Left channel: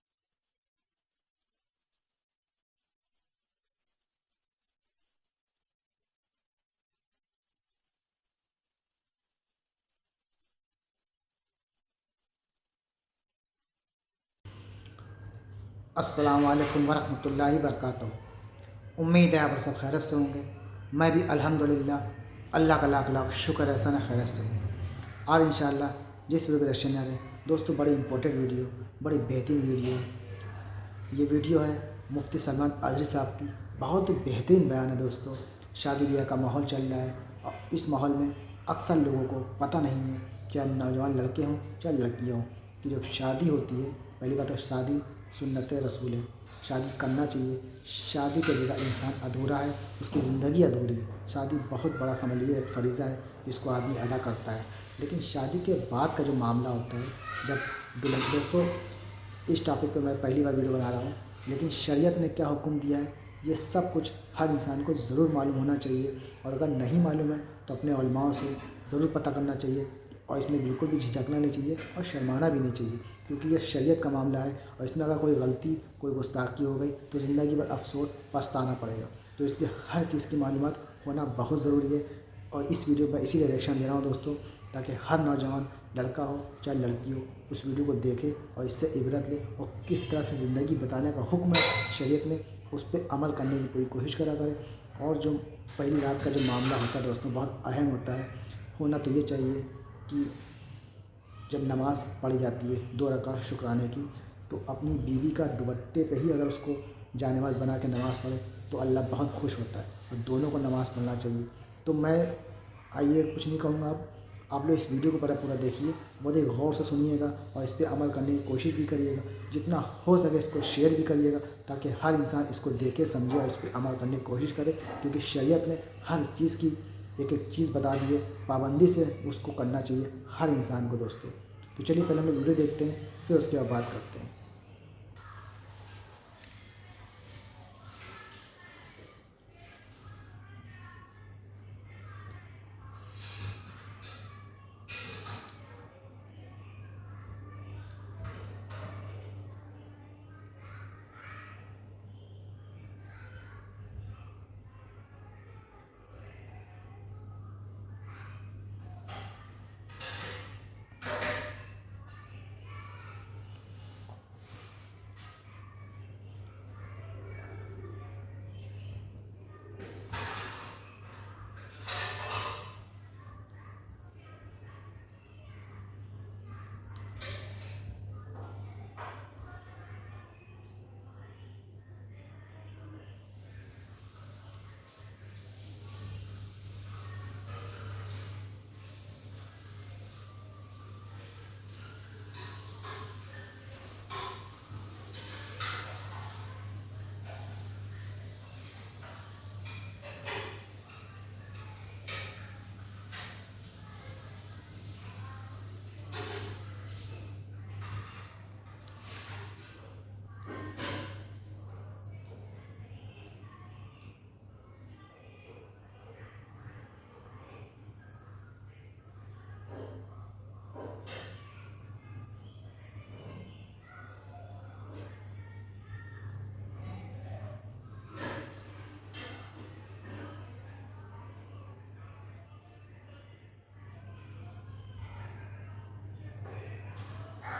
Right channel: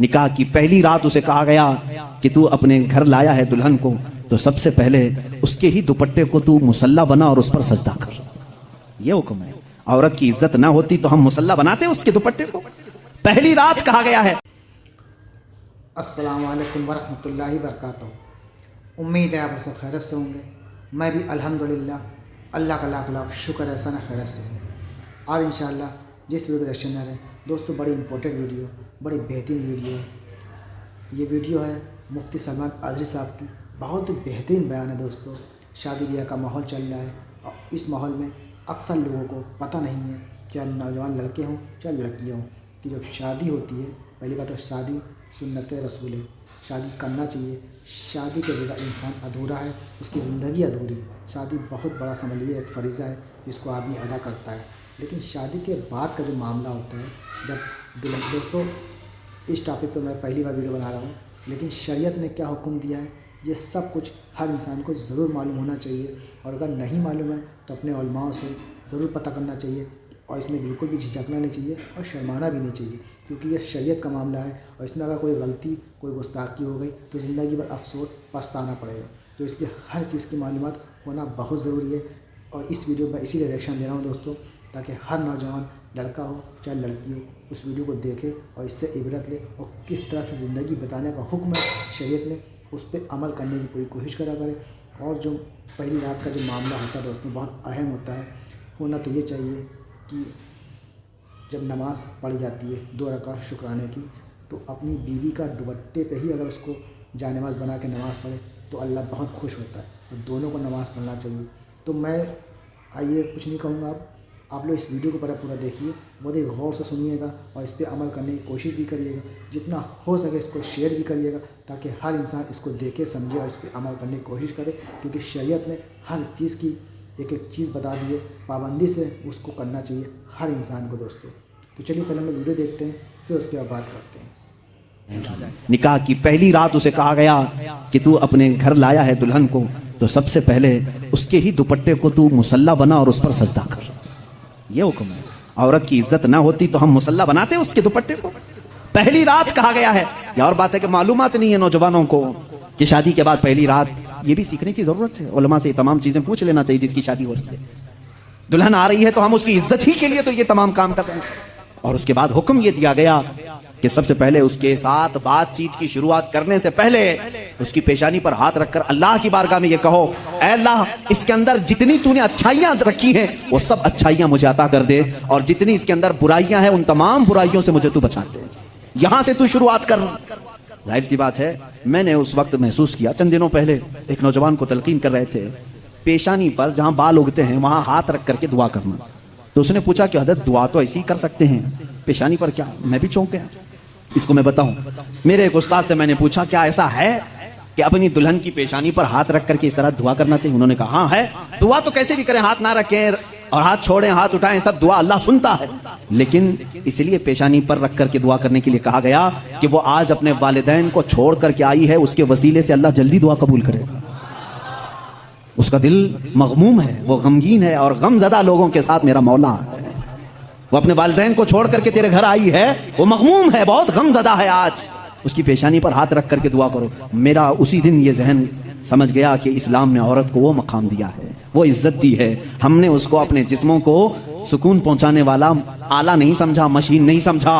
निकाह की पहली रात उसे कहा गया कि तू अपने घर लाया है दुल्हन को, तो सबसे पहले उसके ही दुपट्टे को तू मुसल्ला बना और उस पर सजदा कर। ये हुक्म है। औरत की इज्जत ना होती तो हम मुसल्ला बनाते उसके दुपट्टे को। पहली रात कहा गया है। अस्सलाम वालेकुम वरहमतुल्लाहि वबरकातुहू। उम्मीद है आप सब खैरत से होंगे। मैं भी अल्हम्दुलिल्लाह अल्लाह का लाख लाख शुक्र है सन खैरत से हूँ। और इंशाअल्लाह जिस वीडियो के रिएक्शन है दोस्तों, बड़ी इंपॉर्टेंट वीडियो, बड़ी बेहतरीन वीडियो। ये वीडियो है मुफ्ती सलमान आज़री साहब की। बहुत बेहतरीन बयान है दोस्तों। शादी ब्याह का माहौल चल रहा है और इस माहौल में अक्सर लोगों को पता नहीं है, चाहे नौजवान लड़के हों चाहे लड़कियाँ हों, कि जब शादी होती है, पहली बात तो शादी सुन्नत रसूल है, शादी करना चाहिए। शादी के बगैर इंसान अधूरा है, उसकी ज़िंदगी अधूरी है। शादी बहुत बड़ा समझ लीजिए एक फ़रीज़ा है जिसको आदमी अदा करता है। लेकिन शादी के बाद का जो मामला होता है, जब दुल्हन, दोस्तों इस टॉपिक पे मैं पहली बार वीडियो बना रहा हूँ, लेकिन शरीयत ने क्या हुक्म दिया है ये सब कुछ हर इंसान को ज़रूर मालूम होना चाहिए। और अगर नहीं मालूम है तो अपने उलमाओं से ज़रूर पता करना चाहिए और इसमें बिल्कुल भी झिझकना नहीं चाहिए और शर्माना भी नहीं चाहिए, क्योंकि ये शरीयत का मामला है और इसमें अगर कोई गलती, कोई गुस्ताखी हो गई तो ज़िंदगी भर अफसोस पछताना पड़ेगा। तो इसलिए हर चीज़ की मालूमात होना बहुत ज़रूरी है। और इस वीडियो पर इसीलिए रिएक्शन दे रहा हूँ दोस्तों, ताकि हर नौजवान लड़का हो चाहे लड़की हो उस वीडियो को देखे और इससे इबरत ले और किस तरह से ज़िंदगी बताने का हुक्म है शरीयत में, उस पर अमल करने की पूरी कोशिश करा करें। और जो पहली रात का जो मामला होता है दोस्तों, बहुत अहम होता है। होना तो ये चाहिए कि जब नमाज़ पढ़ी जाती है 2 रकात शुक्राने की, तो अपनी बीवी का दुपट्टे पे ही अगर उसको जानेमाज़ बना के नमाज़ पढ़े तो अल्लाह बहुत खुश होता है और दोनों को नमाज़ पढ़ना चाहिए। तो मैं आइए कुछ नहीं कहूँगा, आप लोग इस वीडियो को पूरा देखिए, बहुत ही गौर से सुनिएगा और इस पर अमल करने की कोशिश भी करिएगा। जितना हो सके इसको शेयर भी करिएगा ताकि हर इंसान इसको देखे, समझे और इस पर अमल करने की कोशिश करे, क्योंकि शरीयत ने हर चीज़ की एक एक चीज़ बता दी है, पाबंदी से उसको करना चाहिए हर इंसान को दोस्तों। तो चलिए पहले हम लोग वीडियो देखते हैं, फिर उसके बाद बात करते हैं। निकाह की पहली रात उसे कहा गया कि तू अपने घर लाया है दुल्हन को, तो सबसे पहले उसके ही दुपट्टे को तू मुसल्ला बना और उस पर सजदा कर। ये हुक्म है। औरत की इज्जत ना होती तो हम मुसल्ला बनाते उसके दुपट्टे को। पहली रात कहा गया है। यह और बात है कि मालूमात नहीं है नौजवानों को कि शादी के बाद पहली रात, ये भी सीखने की जरूरत है। उलमा से ये तमाम चीजें पूछ लेना चाहिए। जिसकी शादी हो रही है, दुल्हन आ रही है, तो हम उसकी इज्जत ही के लिए तो ये तमाम काम कर रहे हैं। और उसके बाद हुक्म ये दिया गया कि सबसे पहले उसके साथ बातचीत की शुरुआत करने से पहले उसकी पेशानी पर हाथ रखकर अल्लाह की बारगाह में ये कहो, ऐ अल्लाह, इसके अंदर जितनी तूने अच्छाइयां रखी हैं वो सब अच्छाइयां मुझे अता कर दे, और जितनी इसके अंदर बुराइयां हैं उन तमाम बुराइयों से मुझे तू बचा दे। यहां से तू शुरुआत कर। जाहिर सी बात है, मैंने उस वक्त महसूस किया, चंद दिनों पहले एक नौजवान को तलकीन कर रहे थे, पेशानी पर जहां बाल उगते हैं वहां हाथ रख करके दुआ करना। तो उसने पूछा कि हजरत दुआ तो ऐसे ही कर सकते हैं, पेशानी पर क्या? मैं भी चौंक गया। इसको मैं बताऊं, मेरे एक उस्ताद से मैंने पूछा क्या ऐसा है कि अपनी दुल्हन की पेशानी पर हाथ रख करके इस तरह दुआ करना चाहिए? उन्होंने कहा हाँ है। दुआ तो कैसे भी करें, हाथ ना रखें और हाथ छोड़ें, हाथ उठाएं, सब दुआ अल्लाह सुनता है। लेकिन इसलिए पेशानी पर रख करके दुआ करने के लिए कहा गया कि वो आज अपने वालिदैन को छोड़ करके आई है, उसके वसीले से अल्लाह जल्दी दुआ कबूल करेगा। उसका दिल मगमूम है, वो गमगीन है और गमज़दा लोगों के साथ मेरा मौला है। वो अपने वालिदैन को छोड़ करके तेरे घर आई है, वो मगमूम है, बहुत गमज़दा है। आज उसकी पेशानी पर हाथ रख करके दुआ करो। मेरा उसी दिन ये जहन समझ गया कि इस्लाम ने औरत को वो मकाम दिया है, वो इज्जत दी है। हमने उसको अपने जिस्मों को सुकून पहुंचाने वाला आला नहीं समझा, मशीन नहीं समझा,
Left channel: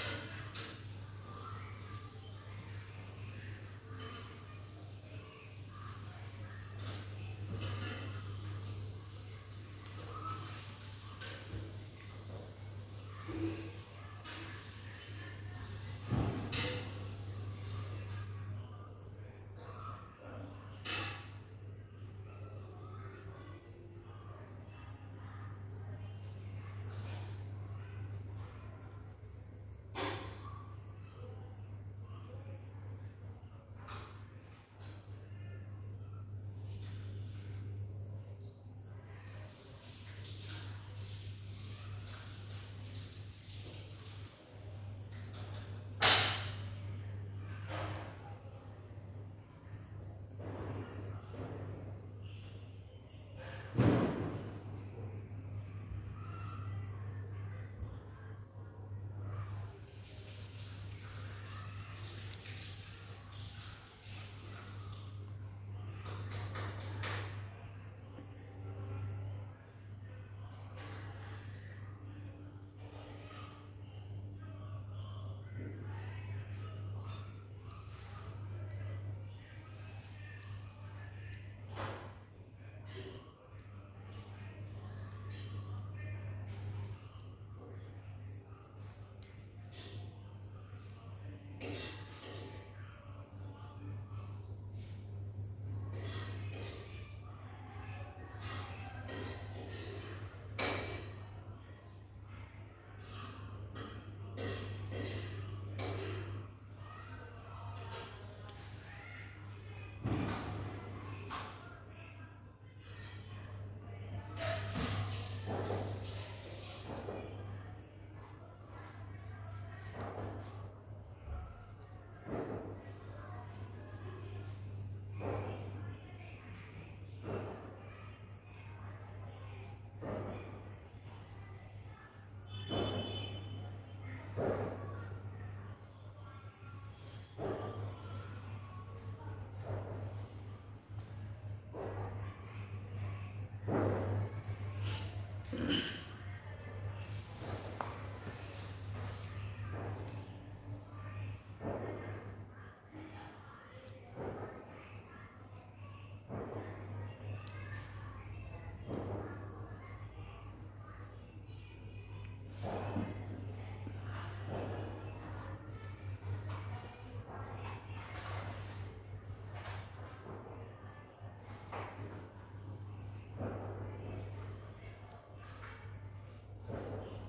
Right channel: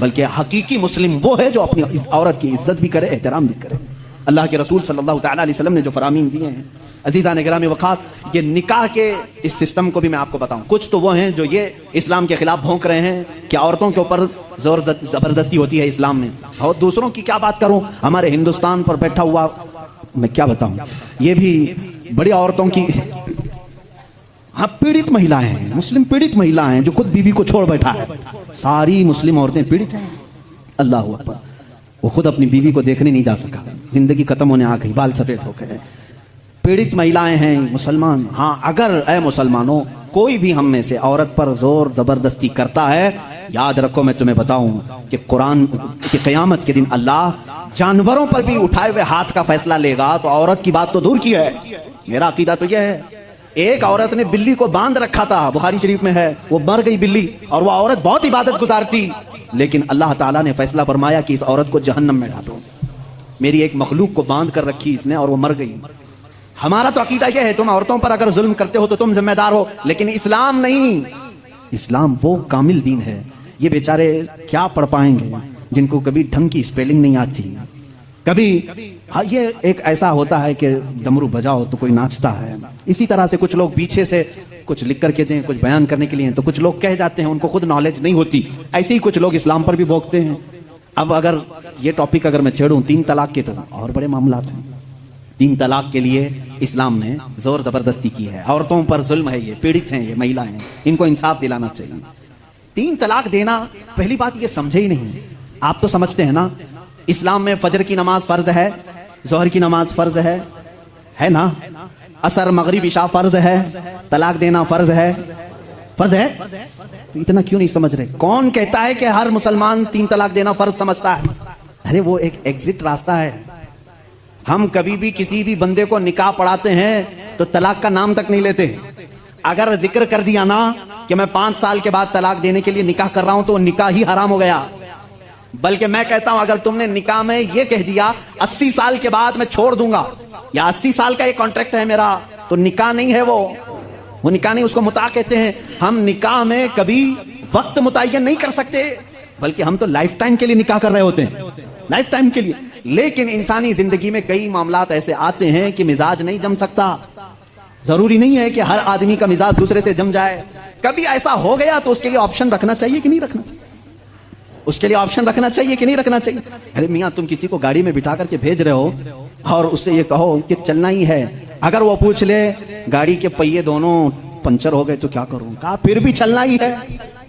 बल्कि हकीकी मुस्लिम वो है जो अपनी औरत की इज्जत भी करे, एहतराम भी करे। अल्लाह के रसूल सल्लल्लाहु अलैहि वसल्लम ने जो फरामीन दिए हैं, अजीज़ान गिरामी वक़ात, ये निकाह के इस सिस्टम को भी मैं आपको बताऊं। कुछ तो वो हैं जो ये इस्लाम के खिलाफ भौंक रहे हैं कि औरतों के ऊपर ज़बरदस्ती होती है इस्लाम में, और दूसरों की क्या बात करूं, हमारे हिंदुस्तान पर बैठा हुआ मैं क्या बताऊं, ये भी बड़ी औरतों की, हाँ, पीड़ित महिलाएं हैं, मुस्लिम पीड़ित महिलाएं हैं जो खुद बीवी को छोड़ बैठा है। सारी मुस्लिम औरतें पीड़ित हैं। अल्लाह अकबर। वो खुद अपनी बीवी को देखने नहीं जा सका, जिंदगी खत्म होने आ गई, बाल सफेद हो गए, पीड़ित महिलाएं हैं मुसलमान। हाँ, अगर ए मुसलमानों कोई भी हम में से औरत पर जोर जबरदस्ती करता है, याद रखो मैं तुम्हें बताऊं कि कुरान की क़यामत के दिन अल्लाह जानवरों पर भी उठाए हुए हाथ का फैसला लेगा। तो औरत की बात तो दूर की है, मेरा अकीदा तो यह है। एक औरत ने बिल्ली को बांध रखा था, बुखारी शरीफ में है, वो मर गई बिल्ली, और वो औरत बहुत इबादत गुजार थी, लेकिन अल्लाह ताला ने फैसला फरमाया कि इस औरत को जहन्नम में डालो। मेरी एक मखलूक को बांध कर रखी इसने और वो मर गई। हमारा तो अकीदा यह है, तुम औरतों पर अगर जुल्म करते हो तो तुम जिम्मेदार हो, लेकिन इस्लाम नहीं। इस्लाम वो कामिल दीन है। ये बेचारे क्या पढ़ पाएंगे जिनको कभी ढंग की स्पेलिंग नहीं आती, कभी हाँ, ये एक ऐसा होता है कि डमरू बजाओ तो कोई नाचता है। इसी तरह से कुछ लोग पीछे से कुछ लिख करके दें, कुछ बयान करने के लिए, तो कुछ लोग कह जाते हैं, उनको खुद नॉलेज नहीं होती। ऐसे ही कुछ लोग इस्लाम पर भी भोंकते हैं। अब अगर ये टॉपिक अगर मैं छेड़ूं 3 तलाक के, तो और बड़े मामला हैं। 3 तलाक के लिए इस्लाम ने जोर जबरदस्ती की है। औरतों पर जुल्म है, ये पीड़ित हैं, ये महिला हैं, इनको इंसाफ दिलाना चाहिए। 3 तलाक देना, पहली बात ये समझे ही नहीं। आप तो समझते हैं ना, इस्लाम में फजर की नमाज फर्ज है, जोहर की नमाज फर्ज है ना, असर मगरिब इशा फर्ज है, तलाक देना फर्ज है। फर्ज है, इतना क्यों नहीं समझ रहे? कौन कहता है कि हर मुसलमान 3 तलाक देना फर्ज समझता है? अरे वो एक एग्जिट रास्ता है। हम कभी भी किसी भी बंदे को निकाह पढ़ाते हैं तो तलाक का नाम तक नहीं लेते। अगर जिक्र कर दिया ना कि मैं 5 साल के बाद तलाक देने के लिए निकाह कर रहा हूं, तो निकाह ही हराम हो गया। बल्कि मैं कहता हूं, अगर तुमने निकाह में यह कह दिया 80 साल के बाद मैं छोड़ दूंगा, या 80 साल का ये कॉन्ट्रैक्ट है मेरा, तो निकाह नहीं है वो निकाह नहीं, उसको मुता कहते हैं। हम निकाह में कभी वक्त मुतय्यन नहीं कर सकते, बल्कि हम तो लाइफ टाइम के लिए निकाह कर रहे होते हैं, लाइफ टाइम के लिए। लेकिन इंसानी जिंदगी में कई मामलात ऐसे आते हैं कि मिजाज नहीं जम सकता। जरूरी नहीं है कि हर आदमी का मिजाज दूसरे से जम जाए। कभी ऐसा हो गया तो उसके लिए ऑप्शन रखना चाहिए कि नहीं रखना चाहिए? उसके लिए ऑप्शन रखना चाहिए कि नहीं रखना चाहिए? अरे मियां, तुम किसी को गाड़ी में बिठा करके भेज रहे हो और उससे ये कहो कि चलना ही है, अगर वो पूछ ले गाड़ी के पहिए दोनों पंचर हो गए तो क्या करूं, कहा फिर भी चलना ही है।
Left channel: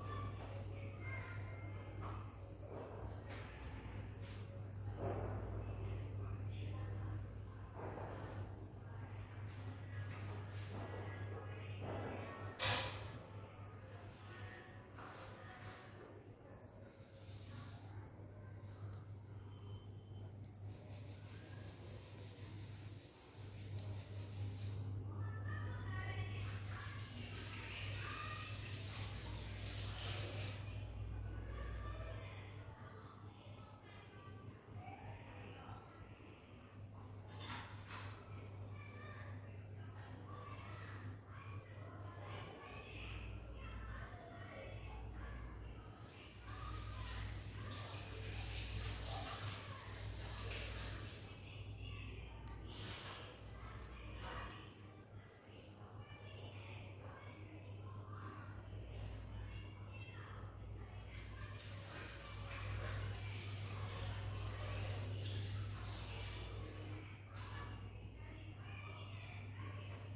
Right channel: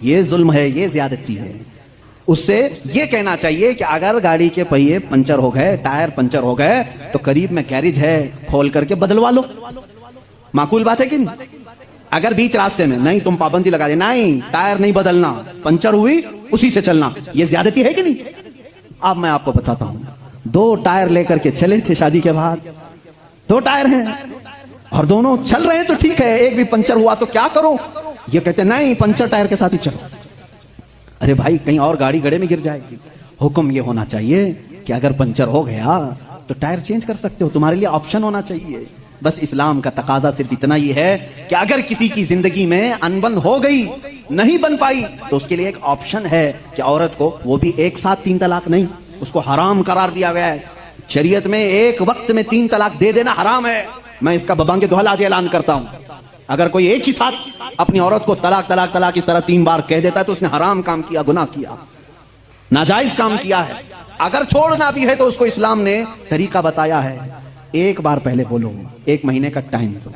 ये जुल्म है, ये ज्यादती है। उससे ये कहना चाहिए कि अगर गाड़ी के पहिए पंचर हो गए, टायर पंचर हो गए, तो करीब में गैरेज है, खोल करके बदलवा लो। माकूल बात है कि नहीं? अगर बीच रास्ते में नहीं, तुम पाबंदी लगा दे, नहीं टायर नहीं बदलना, पंचर हुई उसी से चलना, ये ज्यादती है कि नहीं? अब मैं आपको बताता हूं, 2 टायर लेकर के चले थे शादी के बाद, 2 टायर हैं और दोनों चल रहे हैं तो ठीक है, एक भी पंचर हुआ तो क्या करो? ये कहते नहीं, पंचर टायर के साथ ही चलो। अरे भाई, कहीं और गाड़ी गड्ढे में गिर जाएगी। हुक्म ये होना चाहिए कि अगर पंचर हो गया तो टायर चेंज कर सकते हो, तुम्हारे लिए ऑप्शन होना चाहिए। बस इस्लाम का तकाजा सिर्फ इतना ही है कि अगर किसी की जिंदगी में अनबन हो गई, नहीं बन पाई, तो उसके लिए एक ऑप्शन है कि औरत को, वो भी एक साथ 3 तलाक नहीं, उसको हराम करार दिया गया है। शरीयत में एक वक्त में 3 तलाक दे देना हराम है। मैं इसका बबांगे दोहल आज ऐलान करता हूं, अगर कोई एक ही साथ अपनी औरत को तलाक तलाक तलाक इस तरह 3 बार कह देता है तो उसने हराम काम किया, गुनाह किया, नाजायज काम किया है। अगर छोड़ना भी है तो उसको इस्लाम ने तरीका बताया है। एक बार पहले बोलो, 1 महीने का टाइम दो,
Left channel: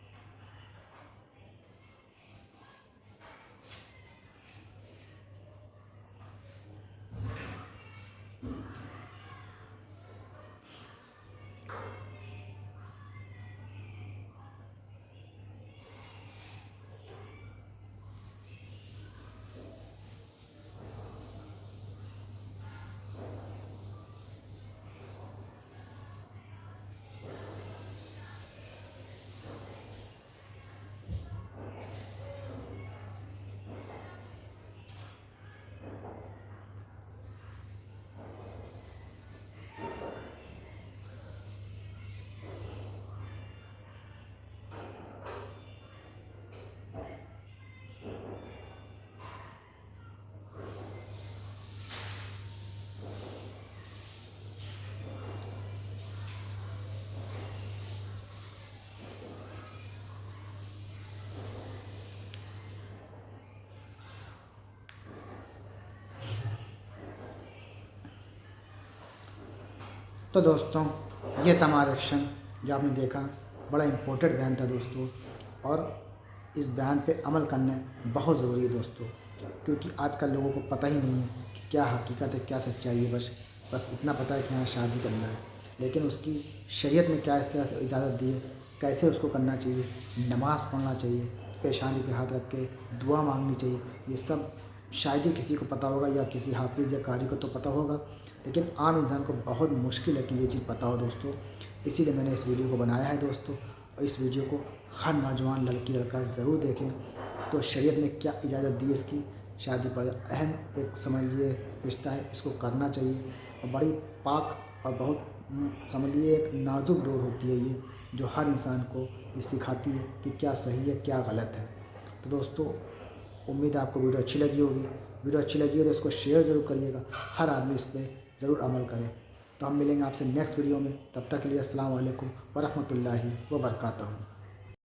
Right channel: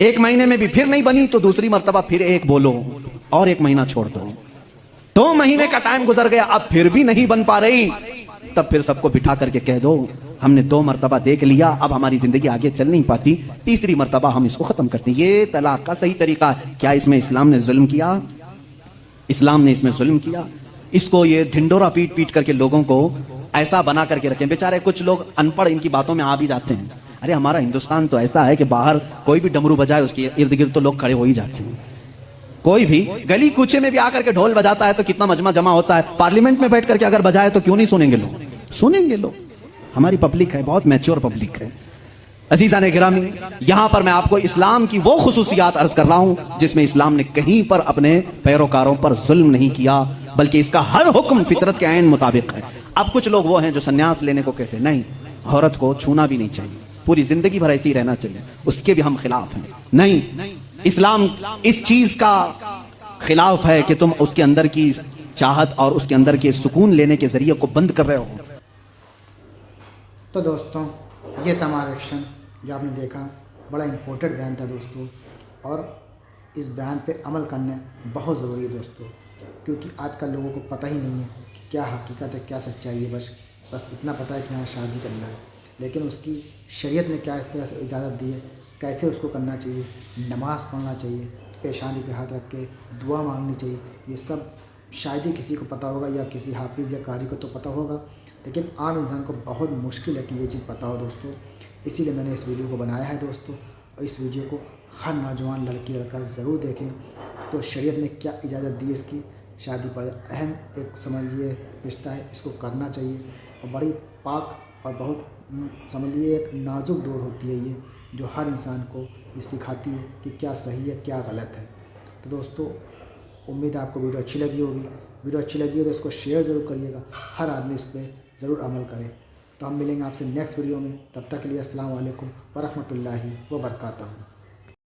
1 महीने में भी फिर नहीं बनी तो दूसरी मर्तबा फिर 1 बोलो और 1 महीना छोड़ दो। 2 महीने का टाइम गुजर गया, अब फिर भी नहीं बन पा रही, तब फिर सबको बिठा करके कह दो हमने 2 मर्तबा देख लिया, अब हमारी जिंदगी आगे चल नहीं पाती, तीसरी मर्तबा हम इसको खत्म करते हैं। ये तलाक का सही तरीका है। क्या इसमें इस्लाम ने जुल्म किया? इस्लाम ने इसमें जुल्म किया? इसको ये ढिंडोरा पीट पीट करके लोगों को ऐसा बना करके रखें। बेचारे कुछ लोग अनपढ़ इनकी बातों में आ भी जाते हैं। अरे हमारा हिंदुस्तान तो ऐसा है कि बाहर कोई भी डमरू बजाए उसके इर्द गिर्द तो लोग खड़े हो ही जाते हैं। कोई भी गली कूचे में भी आकर के ढोल बजाता है तो कितना मजमा जमा होता है। पार्लियामेंट में बैठ करके अगर बजाए तो क्यों नहीं सुनेंगे लोग? सुनेंगे लोग। हमारी पब्लिक है, बहुत मैच्योर पब्लिक है। अजीज़ान गिरामी, यहां पर मैं आपको इस्लाम की वो खुसूसियात अर्ज कर रहा हूं जिसमें इस्लाम ने कहीं पर अपने पैरोकारों पर जुल्म नहीं किया, बल्कि इसका हर हुक्म फितरत के ऐन मुताबिक है। अब कुछ लोग वो हैं जो संन्यास लेने को कहते हैं, नहीं, औरत को छूना भी नहीं चाहिए, पूरी जिंदगी भर ऐसे ही रहना चाहिए, उसके भी हम खिलाफ हैं। नहीं, इस्लाम इस चीज का खिलाफ है कि तुम उसके अंदर की चाहत और उसके अंदर के सुकून लेने के जरिए को बंद कर रहे हो। तो दोस्तों, ये था हमारा एक्शन जो आपने देखा, बड़ा इम्पोर्टेंट बयान था दोस्तों, और इस बयान पे अमल करना बहुत ज़रूरी है दोस्तों, क्योंकि आजकल लोगों को पता ही नहीं है कि क्या हकीकत है, क्या सच्चाई है। बस इतना पता है कि हाँ शादी करना है, लेकिन उसकी शरीयत ने क्या इस तरह से इजाज़त दी है, कैसे उसको करना चाहिए, नमाज़ पढ़ना चाहिए, पेशानी पे हाथ रख के दुआ मांगनी चाहिए, ये सब शायद ही किसी को पता होगा, या किसी हाफिज़ या कारी को तो पता होगा, लेकिन आम इंसान को बहुत मुश्किल है कि ये चीज़ पता हो दोस्तों। इसीलिए मैंने इस वीडियो को बनाया है दोस्तों, और इस वीडियो को हर नौजवान लड़की लड़का ज़रूर देखें। तो शरीयत ने क्या इजाज़त दी इसकी, शादी बड़े अहम एक समझिए रिश्ता है, इसको करना चाहिए। और बड़ी पाक और बहुत समझिए एक नाजुक डोर होती है ये, जो हर इंसान को ये सिखाती है कि क्या सही है क्या गलत है। तो दोस्तों, उम्मीद है आपको वीडियो अच्छी लगी होगी। वीडियो अच्छी लगी हो तो इसको शेयर ज़रूर करिएगा, हर आदमी इस पर ज़रूर अमल करे। तो हम मिलेंगे आपसे नेक्स्ट वीडियो में, तब तक के लिए अस्सलाम वालेकुम वरहमतुल्लाहि वबरकातुहू।